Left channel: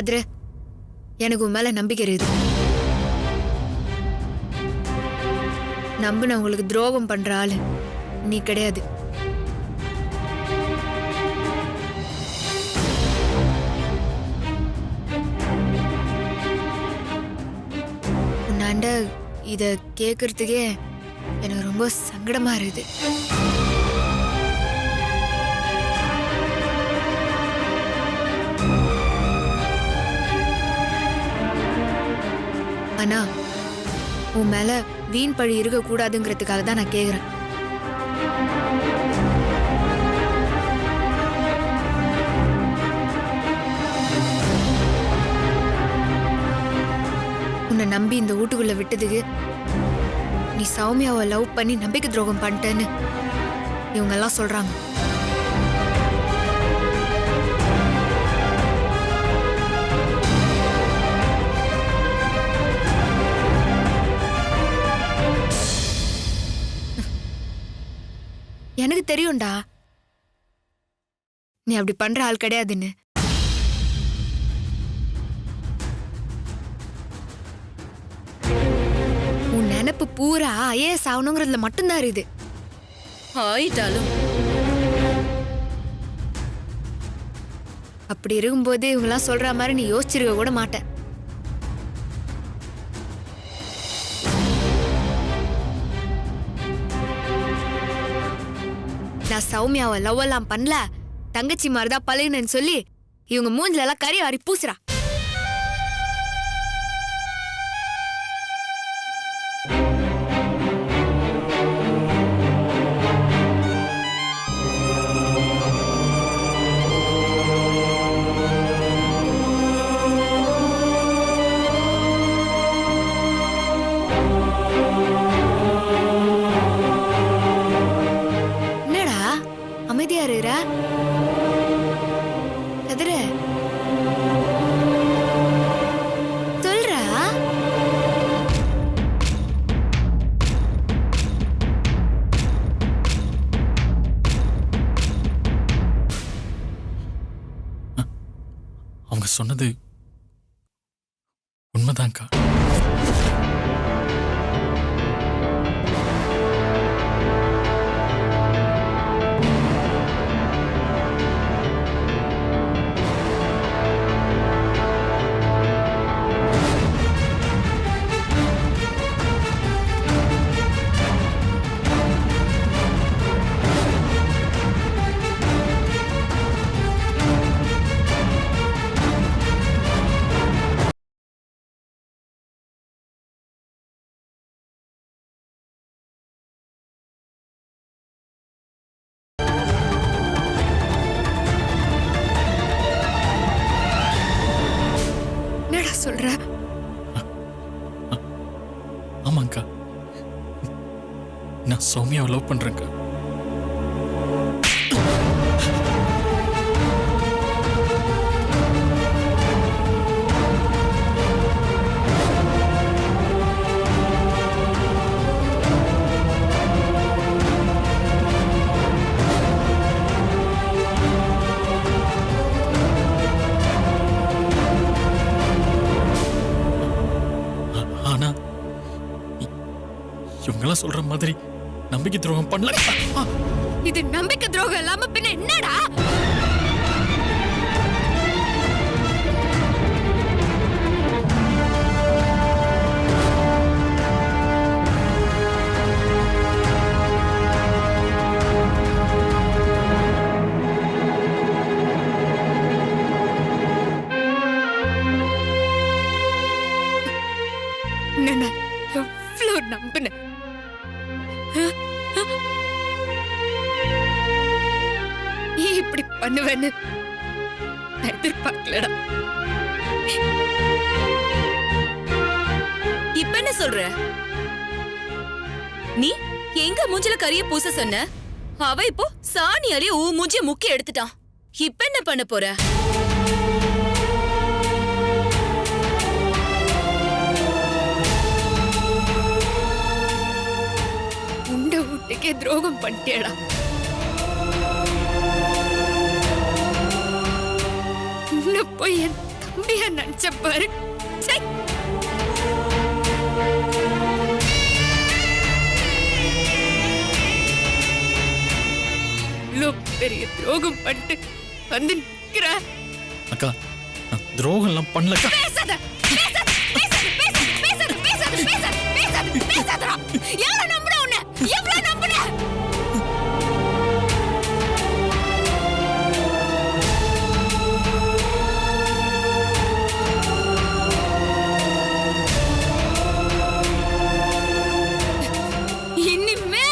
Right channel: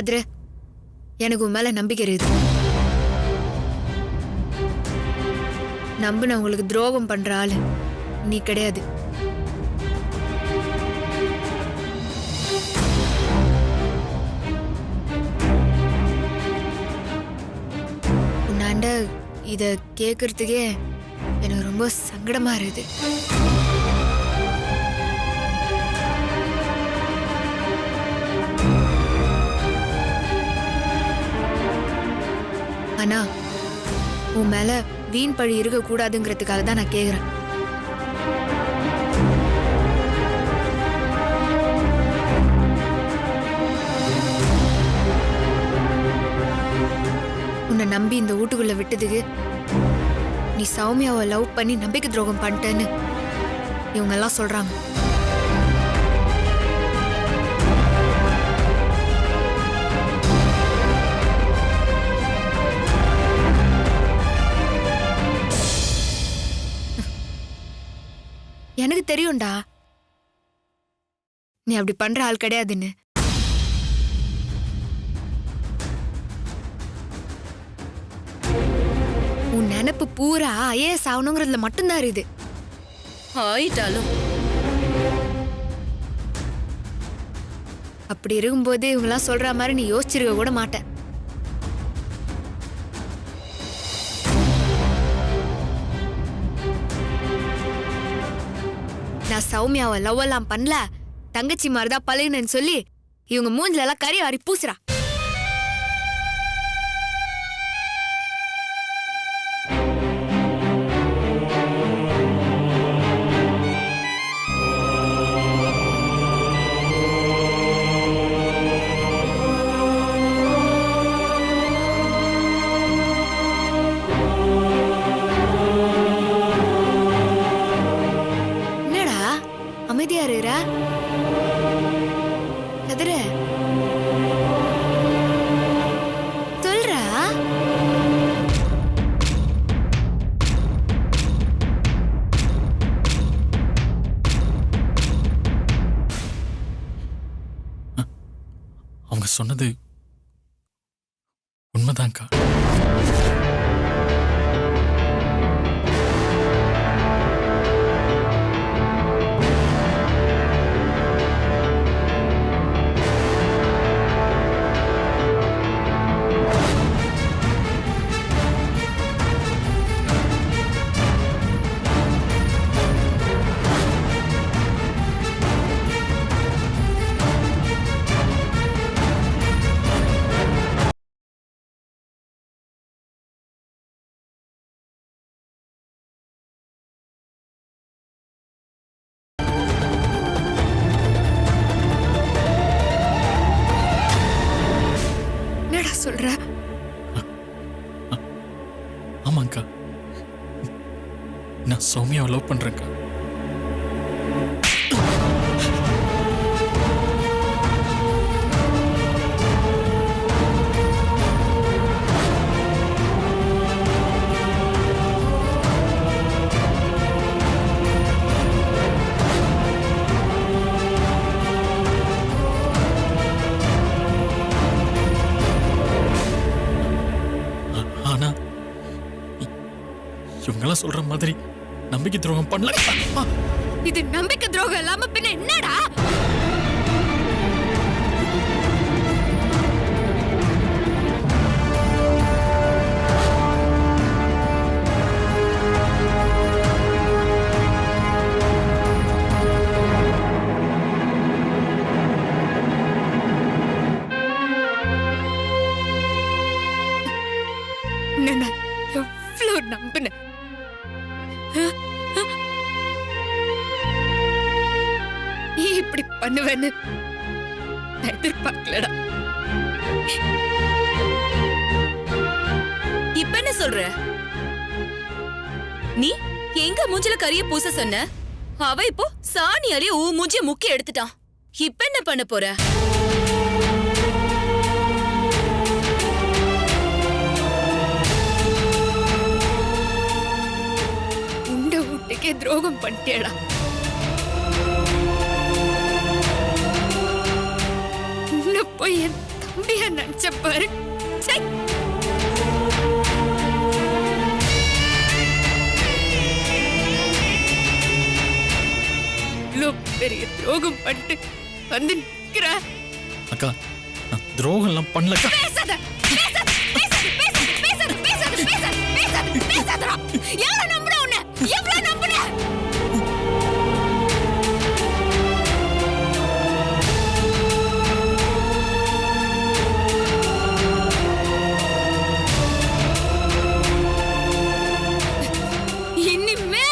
கதிரு, எனக்கு உன் மேல நம்பிக்கை இருக்குது. நம்பினவங்களுக்கு துரோகம் பண்ற ஆளு நீ கிடையாது. உன்னாண்ட இத கேக்குறதுக்கே எனக்கு ரொம்ப சங்கடமா இருக்குது. ஆனா உன் மேல வீண் பழி இருக்க கூடாதுங்கிறதுக்காக தான் நான் கேக்குறேன். உன்னை நம்பி இந்த வீட்டுக்குள்ள விட்டதுக்கு நீ சௌமியாவை லவ் பண்ணி நம்பிக்கை துரோகம் பண்ணிட்டேன்னு இவங்க எல்லாம் சொல்றாங்க. எனக்கு தெரியும்டா நீ அப்படி பண்ற ஆள் கிடையாதுன்னு. உன் நினைப்பு பூரா ஐஏஎஸ் ஆகணுங்கிறதுல மட்டும்தான் இருக்குது. ஆயிட்டாலும் அப்படி இருக்கும்போது இவங்கெல்லாம் சொல்ற மாதிரி நீ யோசிச்சிருக்க கூட மாட்ட. நான் சௌமியாவை லவ் எல்லாம் பண்ணல, தங்கச்சி மாதிரிதான் பழகுனேன்னு சொல்லி இவங்க மூஞ்சில எல்லாம் கறி வாரி பூசுறா. அமைதியா இருடா கதிர, சொல்றா. அவங்க சொன்னது உண்மைதான்க்கா. சொல்ற? ஆமாங்கா, நான் சௌமியாவை லவ் பண்றேன்க்கா. இவங்கெல்லாம் சொல்ற மாதிரி நம்பிக்கை துரோகம் பண்ணல. இது நம்பிக்கை துரோகம் இல்லாம பின்ன என்னடா? எவ்வளவு நம்பின நீ இப்படி பண்ணுவேன்னு எதிர்பார்க்கலடா. இப்ப என்ன சொல்ற? நீ எங்க மூஞ்சில கரிய பூச சொன்ன, அவ இப்போ சாணியாலே மூஞ்சிய முக்கி எடுத்துட்டான். இப்ப என்ன பண்ண போற? உண்ட வீட்டுக்கே துரோகம் பண்ணிட்டேடா. போய் என் தம்பியா நினைச்ச பாரு. ச்சை. இவ்ளோ பெரிய துரோகம் பண்ணிட்டு வந்து நிக்கிற. அக்கா நான் துரோகம் எல்லாம் பண்ணலக்கா. பேசாத பேசாத பேசாத பேசாத பேசாத பேசாத பேசாத பேசாத பேசாதடா. யார நம்புற உன்னை? எவ்வளவு நம்புற? இனிமே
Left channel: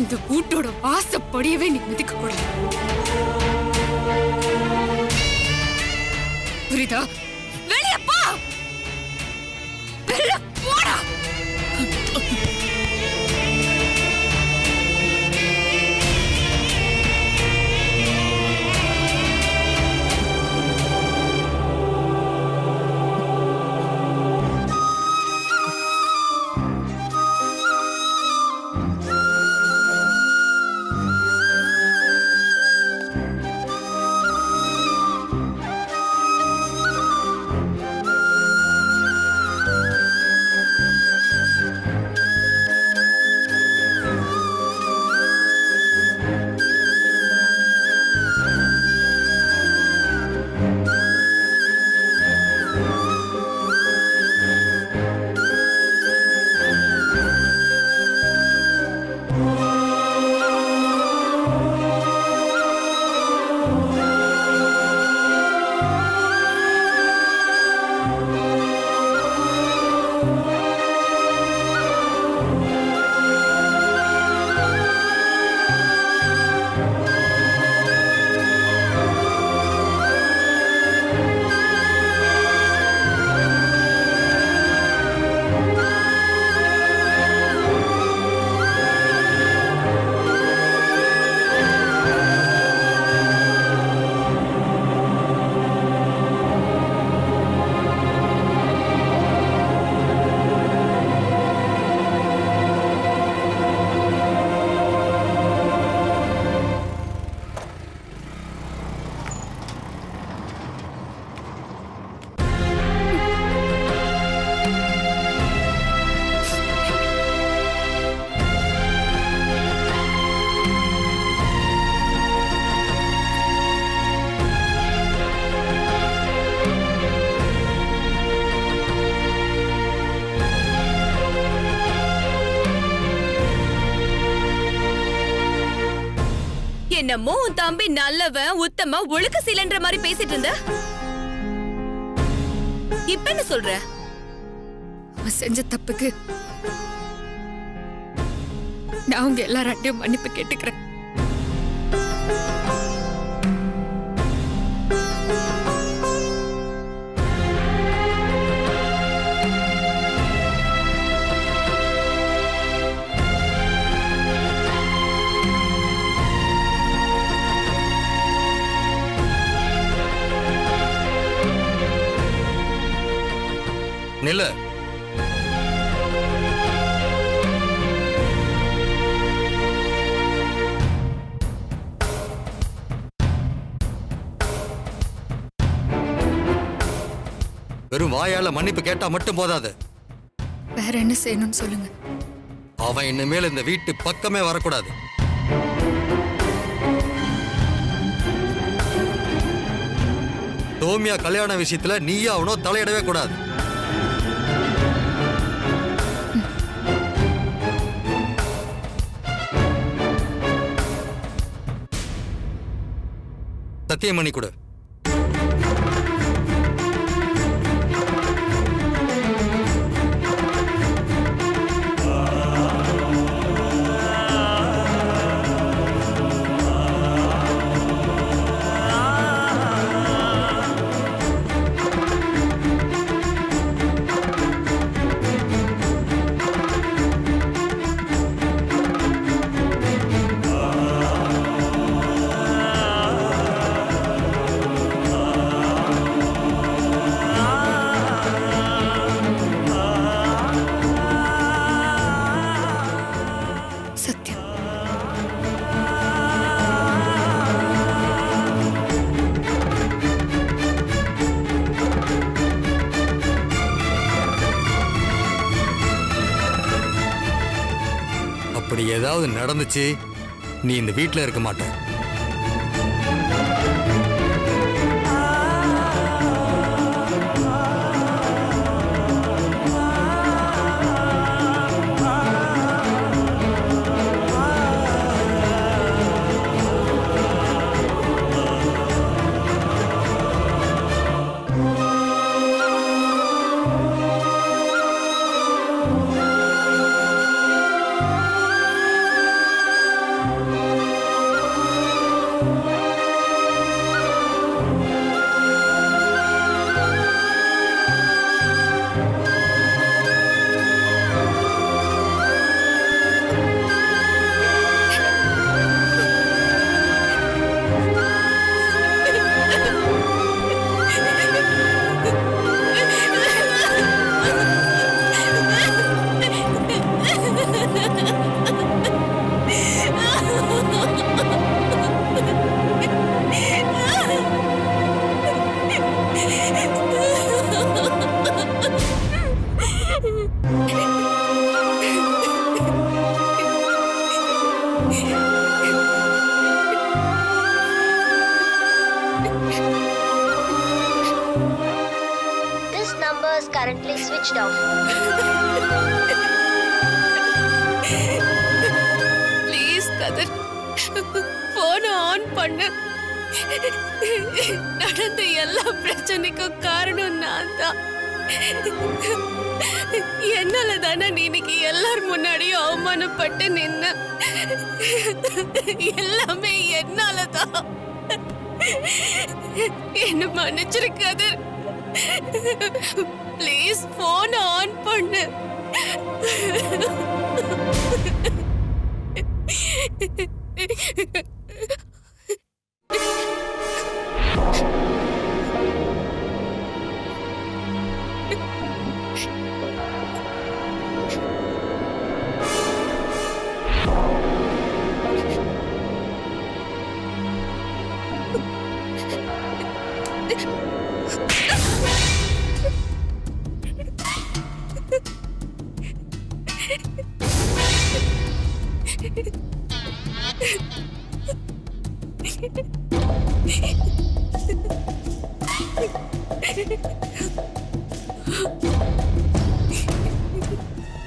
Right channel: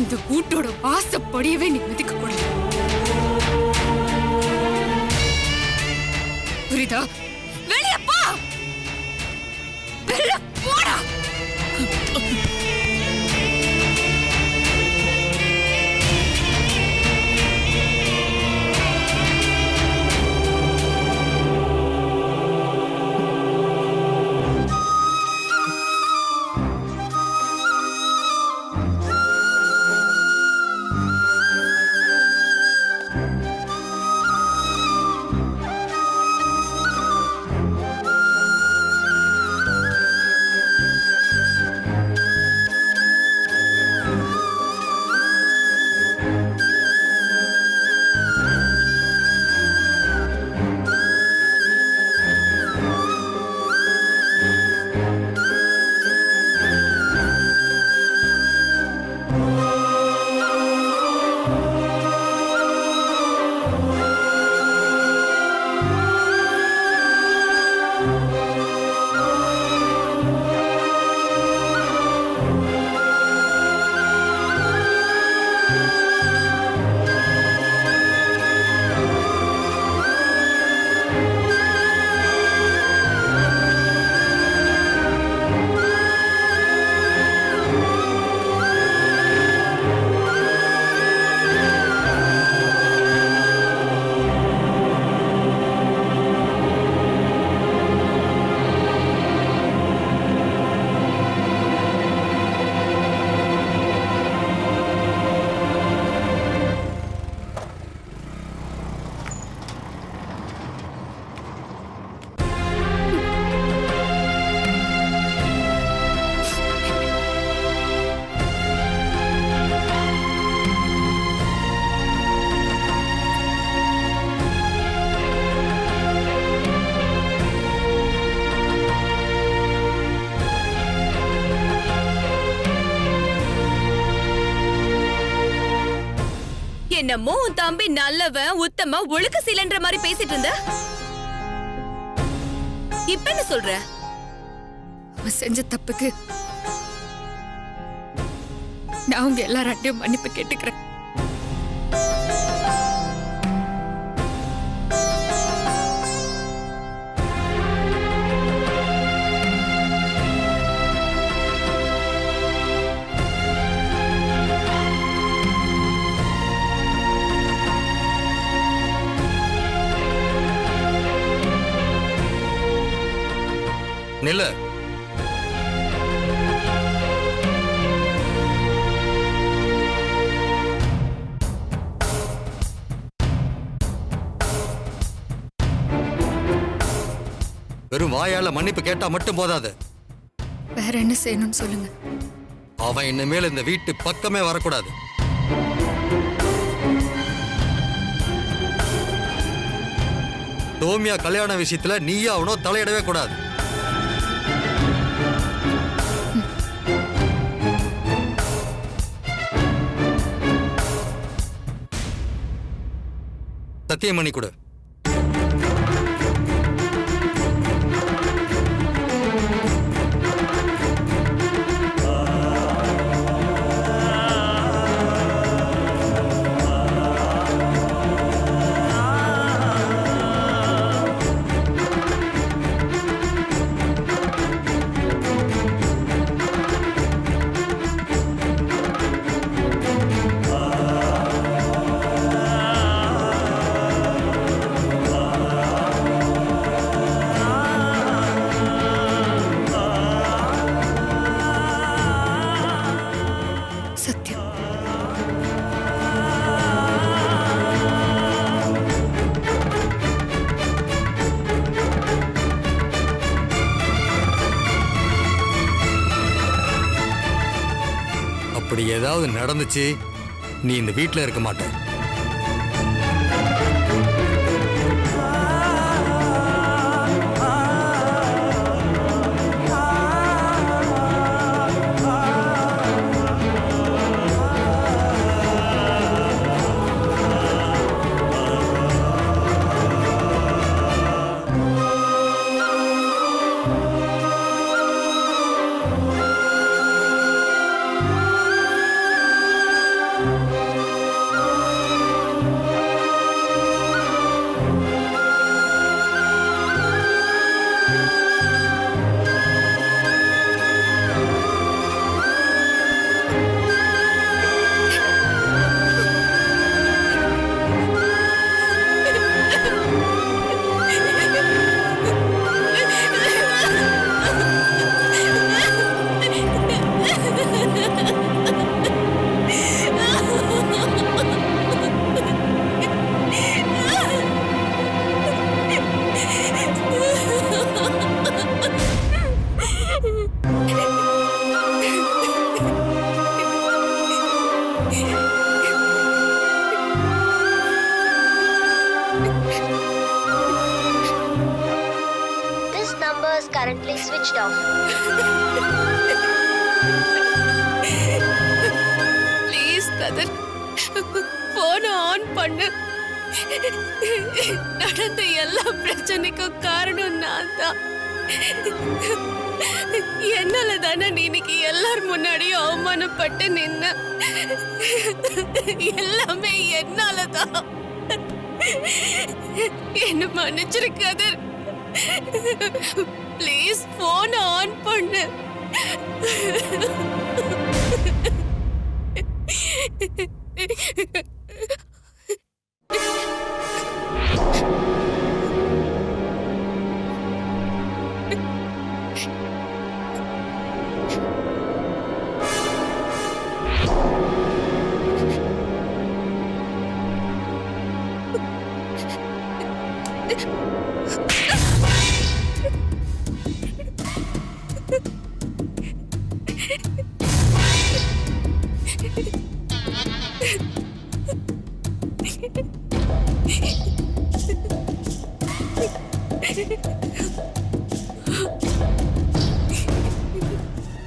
இந்த வீட்டோட வாசப்படியவே நீ மிதிக்க கூடாது. புரியுதா? வெளிய போ. வெளிய போடா. என்னமோ உன் தம்பி நல்லவன் உத்தம ஒழுக்க சீலன்ற மாதிரி பேசிட்டு இருந்த. இப்ப என்ன சொல்ற? அவன் செஞ்ச தப்புக்கு நான் உங்க எல்லார்ட்டையும் மன்னிப்பு கேட்டுக்கிறேன். நில்லு. வெறும் வாயால மன்னிப்பு கேட்டா மட்டும் போதாது. வேற என்ன செய்யணும்னு சொல்லுங்க. அவன் இனிமேல் இந்த வீட்டு பக்கமே வரக்கூடாது. சோமியா கல்யாண விஷயத்துல நீயா அவனோ தலையிடவே கூடாது. சத்தியம் பண்ணி கொடு. அப்படி ஏதாவது நடந்துச்சு, நீ இந்த வீட்டில் இருக்க மாட்ட. This number is currently switched off. Please Kathir, போன ஆன் பண்ணு. நடந்த எல்லா பிரச்சனைக்கும் காரணம் நான் தான். என்னால தானே நீ இன்னைக்கு எல்லார் முன்னாடியும் அவமானப்பட்டு நின்ன. எல்லாமே என்னாலதான். என்ன மன்னிச்சிரு கதிர். ப்ளீஸ் போன் ஆன் பண்ணு.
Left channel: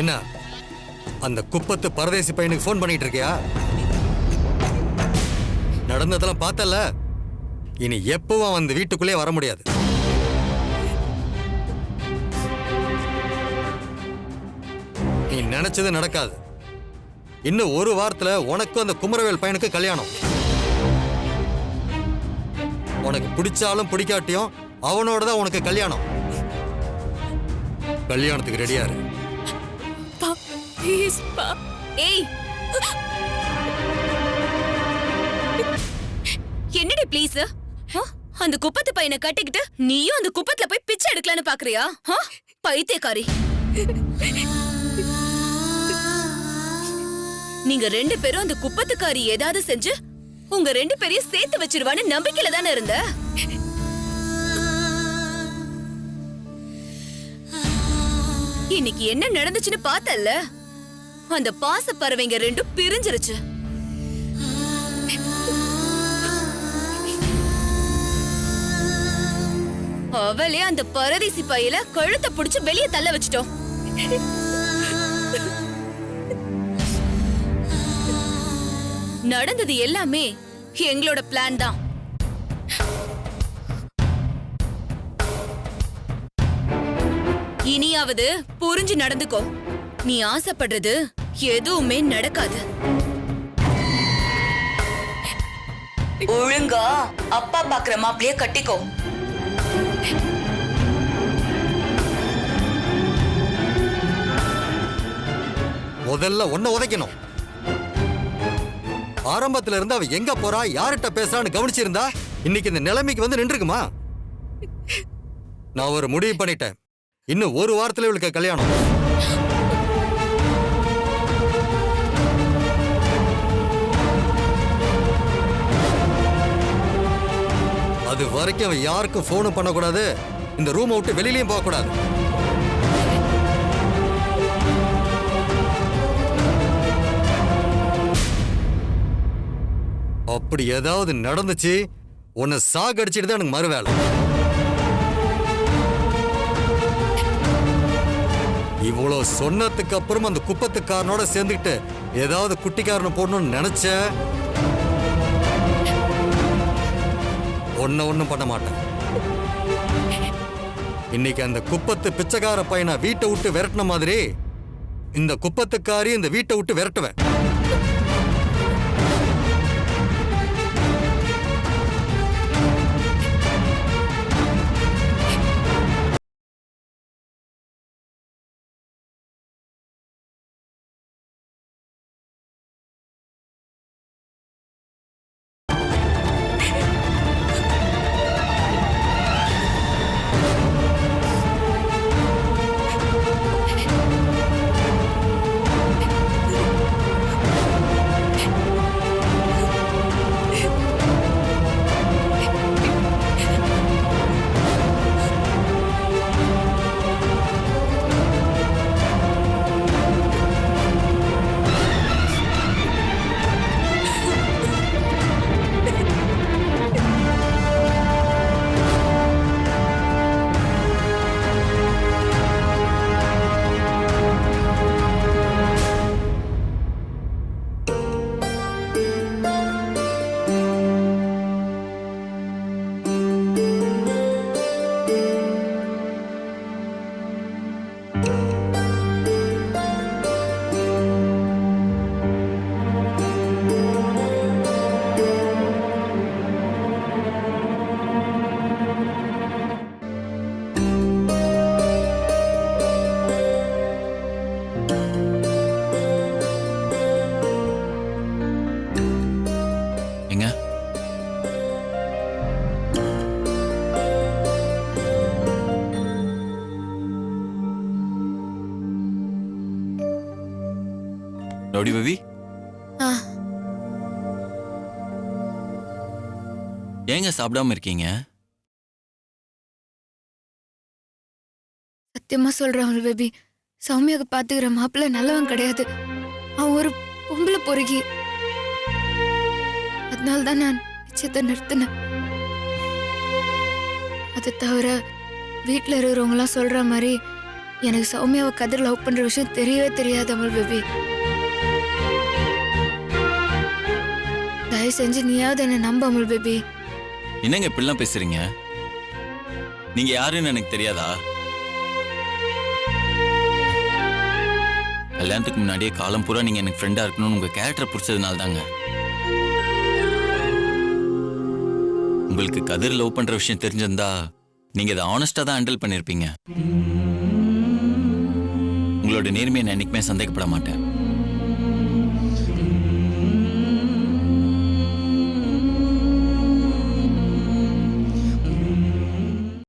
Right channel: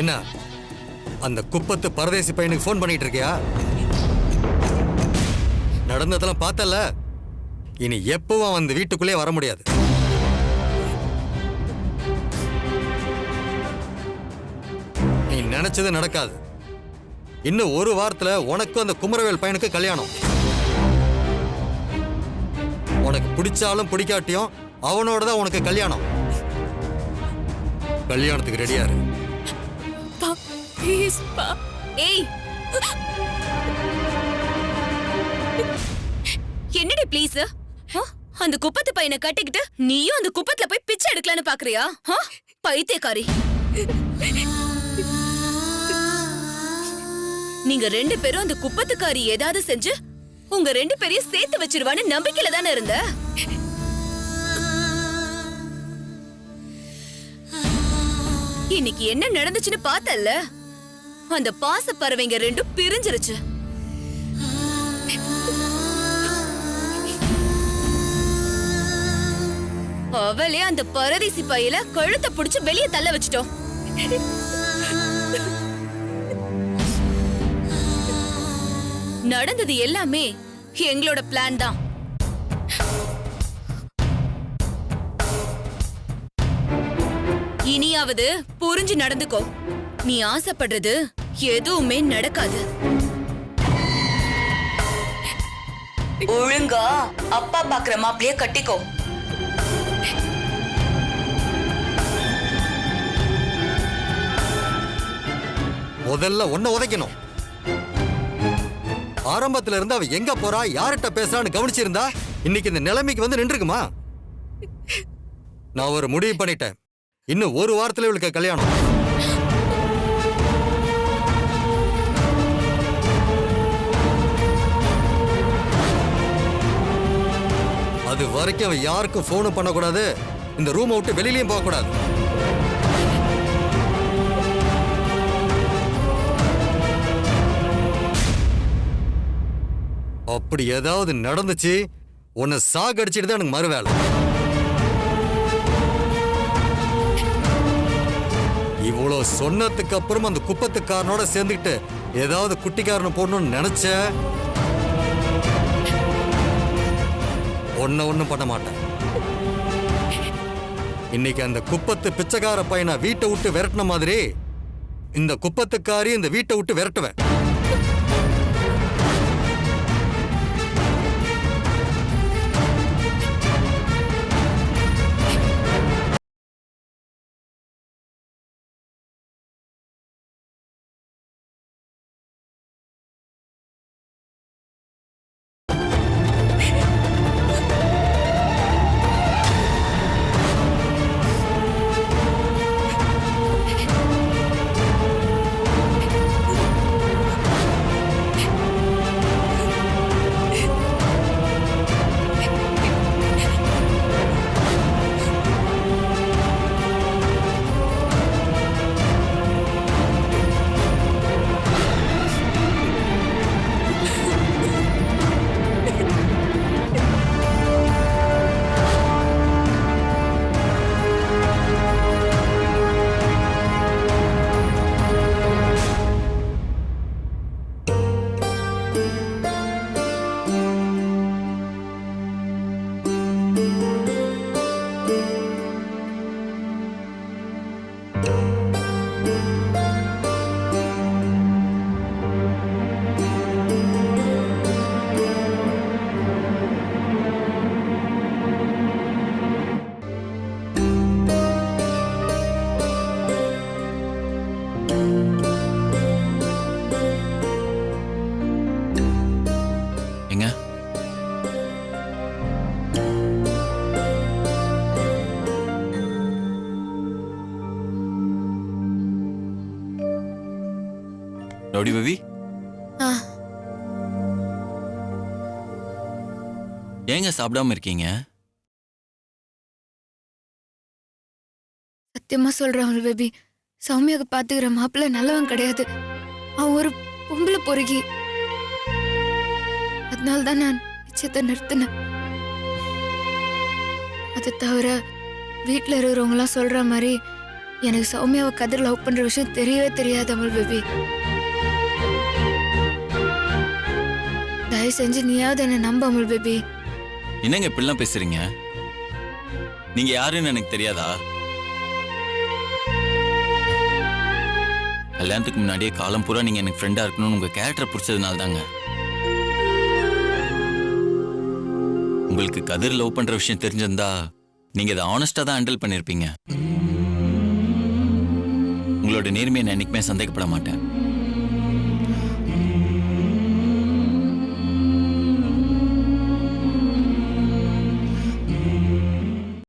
என்ன அந்த குப்பத்து பரதேசி பையனுக்கு ஃபோன் பண்ணிட்டு இருக்கியா? நடந்ததெல்லாம் பார்த்தல. இனி எப்பவும் அந்த வீட்டுக்குள்ளே வர முடியாது. நீ நினைச்சது நடக்காது. இன்னும் ஒரு வாரத்துல உனக்கும் அந்த குமரவேல் பையனுக்கு கல்யாணம். உனக்கு பிடிச்சாலும் பிடிக்காட்டியும் அவனோட தான் உனக்கு கல்யாணம். கல்யாணத்துக்கு ரெடியா இரு. ப்ளீஸ் பா. ஏய், என்னடி ப்ளீஸ்? அந்த குப்பத்து பையனை கட்டிக்கிட்டு நீயும் அந்த குப்பத்துல போய் பிச்சை எடுக்கலான்னு பாக்குறியா? பைத்தியக்காரி. நீங்க ரெண்டு பேரும் அந்த குப்பத்துக்காரி ஏதாவது செஞ்சு உங்க ரெண்டு பேரையும் சேர்த்து வச்சிருவான்னு நம்பிக்கையில தானே இருந்த. இன்னைக்கு என்ன நடந்துச்சுன்னு பார்த்தல்ல? அந்த பாச பறவைங்க ரெண்டும் பிரிஞ்சிருச்சு. அவளே அந்த பரதேசி பையில கழுத்தை புடிச்சு வெளியே தள்ள வச்சிட்டோம். நடந்தது எல்லாமே எங்களோட பிளான் தான். இனியாவது புரிஞ்சு நடந்துக்கோ. நீ ஆசைப்படுறது எதுவுமே நடக்காது. ஒழுங்கா அப்பா பாக்குற மாப்பிளைய கட்டிக்கோ. முதல்ல ஒன்ன உதைக்கணும். ஆரம்பத்துல இருந்து அவ எங்க போறா, யார்கிட்ட பேசுறான்னு கவனிச்சிருந்தா இன்னைக்கு இந்த நிலைமைக்கு வந்து நின்றுக்குமா? நான் ஒரு முடிவு பண்ணிட்டேன். இன்னும் ஒரு வாரத்துல இவளுக்கு கல்யாணம். அது வரைக்கும் அவன் யாருக்கும் போனும் பண்ணக்கூடாது, இந்த ரூமை விட்டு வெளியிலயும் போக கூடாது. அப்படி ஏதாவது நடந்துச்சு உன்னை சாகடிச்சிட்டு தான் எனக்கு மறுவேலை. இவ்வளோ சொன்னதுக்கு அப்புறம் அந்த குப்பத்துக்காரனோட சேர்ந்துக்கிட்டு ஏதாவது குட்டிக்காரனை போடணும்னு நினைச்ச ஒன்னும் பண்ண மாட்டேன். இன்னைக்கு அந்த குப்பத்து பிச்சைக்கார பையனை வீட்டை விட்டு விரட்டின மாதிரி இந்த குப்பத்துக்காரி இந்த வீட்டை விட்டு விரட்டுவேன். எங்க ரவுடி பேபி, ஆ, ஏங்க சாப்பிடாம இருக்கீங்க? சத்தியமா சொல்றேன் அமல் பேபி, சௌமியாவுக்கு பாத்துக்கிற மாப்பிள்ள நல்லவன் கிடையாது. அவன் ஒரு பொம்பளை பொறுக்கி. அதனால தான் நான் நிச்சயத்தை நிறுத்தினேன். அதை தவிர வீட்டில் இருக்கிறவங்களாம் சொல்ற மாதிரி எனக்கு சௌமியாவை கதிர் லவ் பண்ற விஷயம் தெரியவே தெரியாது அமல் பேபி. தயவு செஞ்சு நீயாவது என்ன நம்ப அமல் பேபி. என்னங்க இப்படிலாம் பேசுறீங்க? நீங்க யாருன்னு எனக்கு தெரியாதா? கல்யாணத்துக்கு முன்னாடியே காலம் பூரா நீங்க எனக்கு ஃப்ரெண்டா இருக்கணும்னு உங்க கேரக்டர் பிடிச்சதுனால தாங்க. உங்களுக்கு கதிர் லவ் பண்ற விஷயம் தெரிஞ்சிருந்தா நீங்க அதை ஆனஸ்டா தான் ஹேண்டில் பண்ணிருப்பீங்க. உங்களோட நேர்மையை நான் என்னைக்குமே சந்தேகப்பட மாட்டேன்.